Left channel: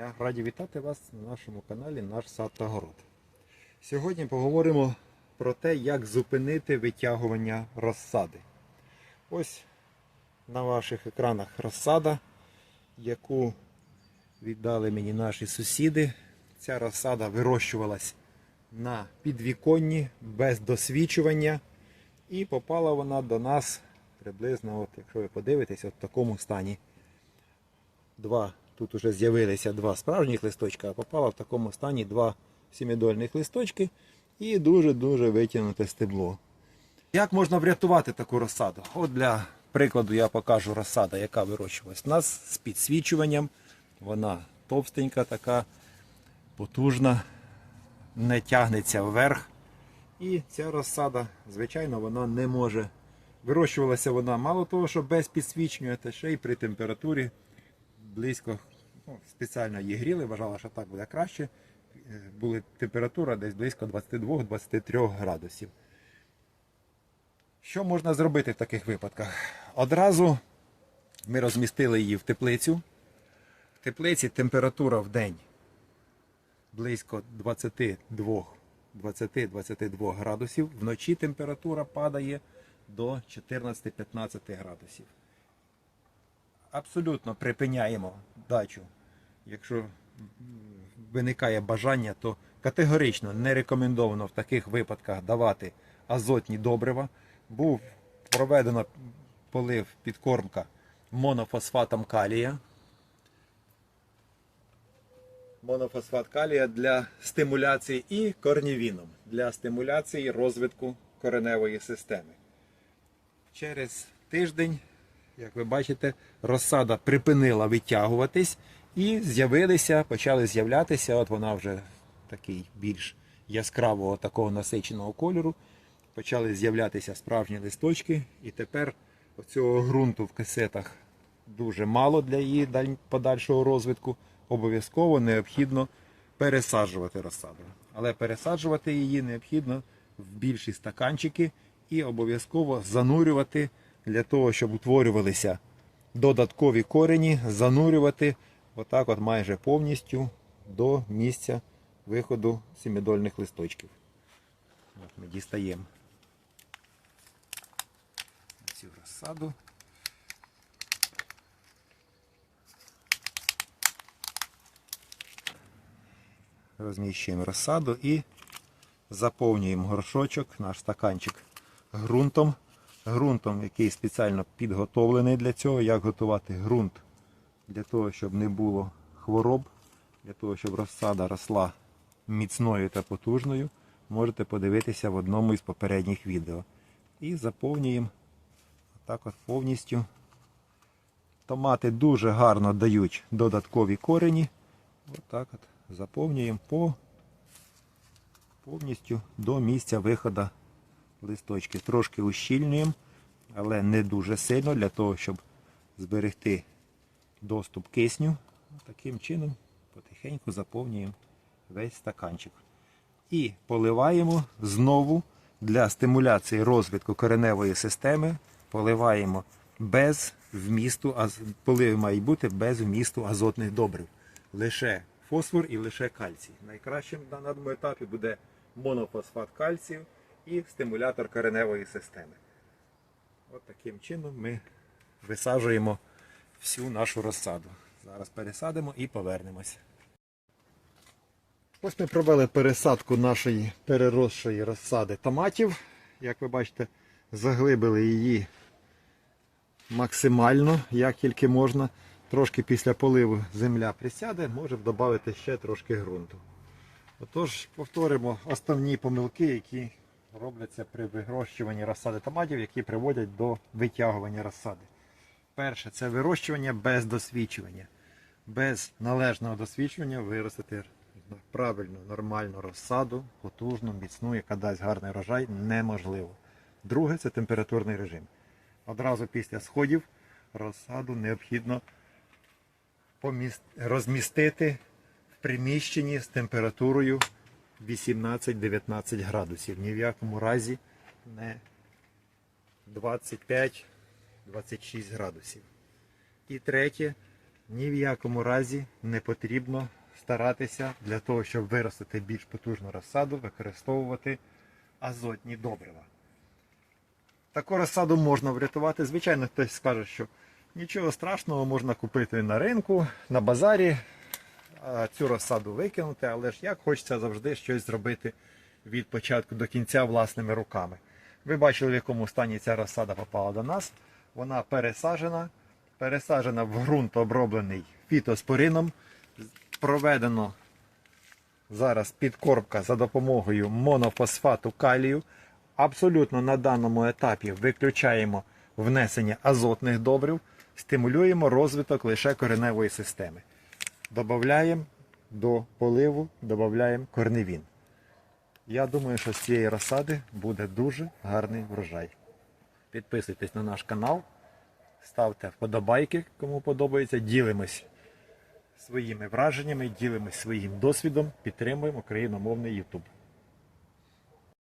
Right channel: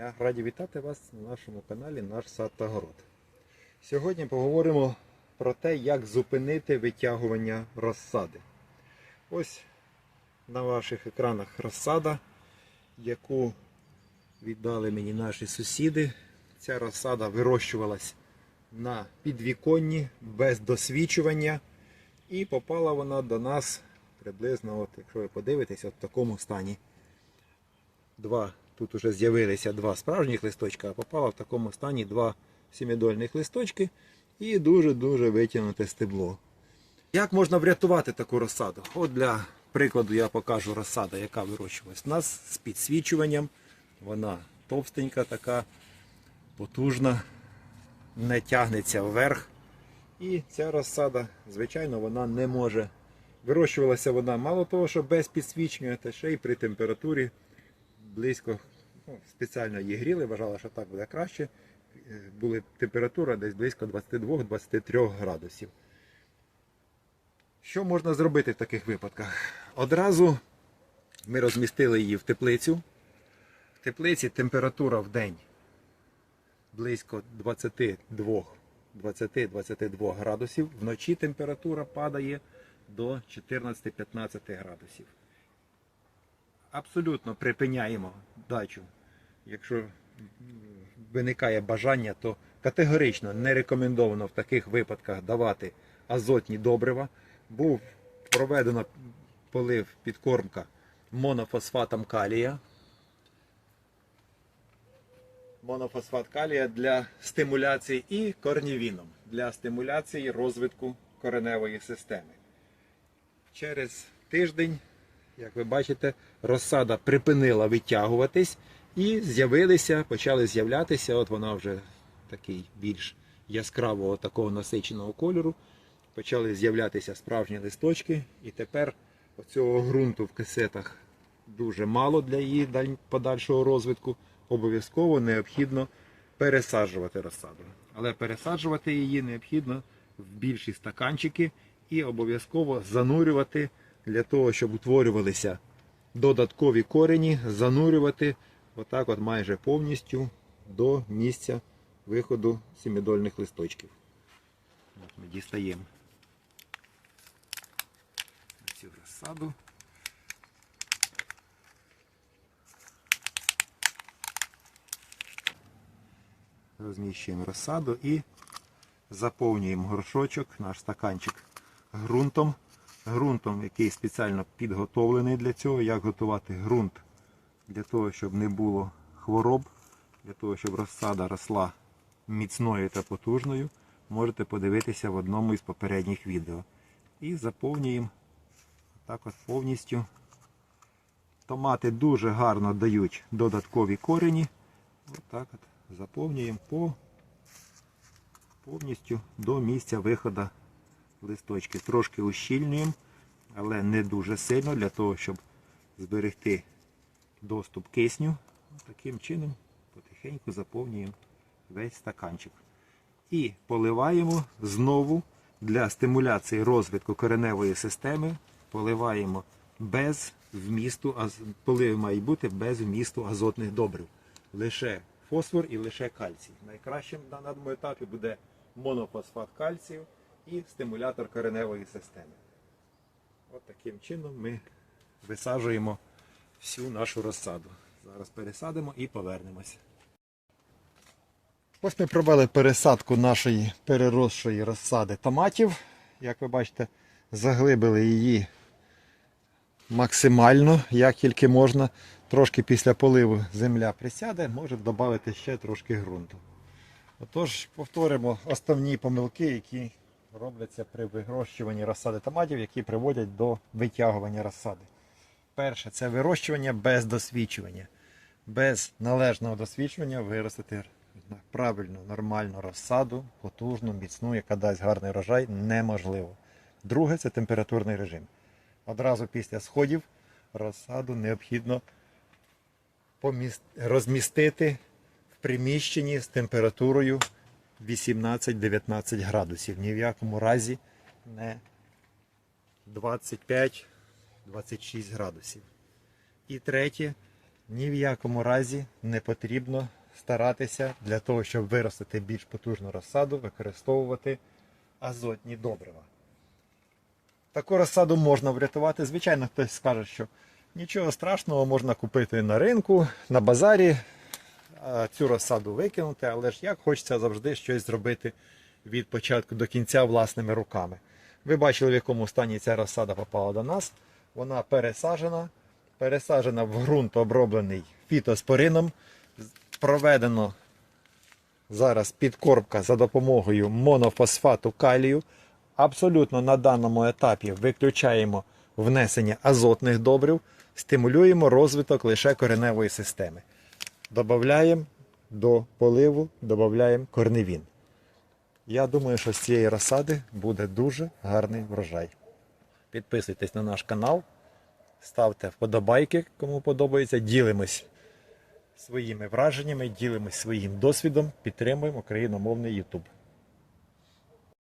Я раді вітати вас на нашому каналі Наш сад та город. Сьогодні поговоримо про те, як зупинити витягування розсади. Ось на ваших екранах розсада, яку віддали мені наші сусіди. Ця розсада вирощувалась на підвіконні без досвідчування, і попала вона до нас приблизно, от, якщо ви подивитесь, от в такому стані два, тут вже з'явилися два справжніх листочка, а попало в такому стані два сімідольних листочки і дуже-дуже витягнуте стебло. Як можна врятувати таку розсаду? От для прикладу я покажу розсада, яка вирощувалась у нас з підсвічуванням. Вона товстенька, така, потужна, не тягнеться вверх. І ця розсада, звичайно, вона не може. Вирощувалася вона мало того, що без підсвічення, та ще й при температурі близько, ну, спеціально її гріли, вважала, що так буде краще. Е, Була температура десь близько 22-23 градусів. Що можна зробити в таких випадках? Одразу ми розмістили її в теплицю. В теплиці температура в день близько 22-22 градусів. Вночі температура падає до 14-15 градусів абсолютно припиняємо дачу. Якщо виникає бажання, то категорично не рекомендовано в таких випадках давати азотні добрива. Був проведено полив підкормка монофосфатом калія. Монофосфат калія для стимуляції і корнівіном для стимуляції розвитку кореневої системи. Через тиждень як ви бачите, розсада припинила витягуватись і з'явилися, почали з'являтися. От вона вже такий більш яскравого такого насиченого кольору. Почали з'являтися справжні листочки, і тепер оцього ґрунту в касетах дуже мало для її подальшого розвитку. Обов'язково необхідно пересаджувати розсаду. Але пересаджувати її необхідно в більші стаканчики і обов'язково занурювати для того, щоб утворювалися додаткові корені, занурювати отак от майже повністю до місця виходу сімідольних листочків. От ми дістаємо цю розсаду. Розміщуємо розсаду і заповнюємо горшочок, наш стаканчик ґрунтом. Ґрунтом, який спеціально підготовлений для цього, як готувати ґрунт для того, щоб не було хвороб, для того, щоб розсада росла міцною та потужною, можете подивитися в одному із попередніх відео. І заповнюємо так от повністю. Томати дуже гарно дають додаткові корені. Отак от заповнюємо по повністю до місця виходу листочки. Трошки ущільнюємо, але не дуже сильно для того, щоб зберегти доступ кисню. Таким чином потихеньку заповнюємо весь стаканчик. І поливаємо знову для стимуляції розвитку кореневої системи. Поливаємо без вмісту, полив має бути без вмісту азотних добрив. Лише фосфор і лише кальцій. Найкращим на даному етапі буде монофосфат кальцію і стимулятор кореневої системи. От таким чином ми висаджуємо всю нашу розсаду. Зараз пересадимо і повернемося. Ось ми провели пересадку нашої переросшої розсади томатів. Як ви бачите, заглибили її максимально, як тільки можна. Трошки після поливу земля присяде, можемо додати ще трошки ґрунту. Отож, повторимо основні помилки, які робляться при вирощуванні розсади томатів, які приводять до витягування розсади. Перше це вирощування без досвідчування. Без належного досвідчення виростити правильну, нормальну розсаду, потужну, міцну, яка дасть гарний врожай, неможливо. Друге це температурний режим. Одразу після сходів розсаду необхідно розмістити в приміщенні з температурою 18-19 градусів. Ні в якому разі не 25-26 градусів. І третє ні в якому разі не потрібно старатися для того, щоб виростити більш потужну розсаду, використовувати азотні добрива. Таку розсаду можна врятувати. Звичайно, хтось скаже, що нічого страшного можна купити на ринку, на базарі, цю розсаду викинути, але ж як хочеться завжди щось зробити від початку до кінця власними руками. Ви бачили, в якому стані ця розсада попала до нас. Вона пересаджена, пересаджена в ґрунт, оброблений фітоспорином. Проведено зараз підкормка за допомогою монофосфату калію. Абсолютно на даному етапі виключаємо внесення азотних добрив, стимулюємо розвиток лише кореневої системи. Додаємо до поливу, додаємо корневін. Я думаю, що з цієї розсади буде дуже гарний врожай. Підписуйтесь на наш канал, ставте вподобайки, кому подобається, ділимось своїми враженнями, ділимось своїм досвідом, підтримуємо україномовний YouTube.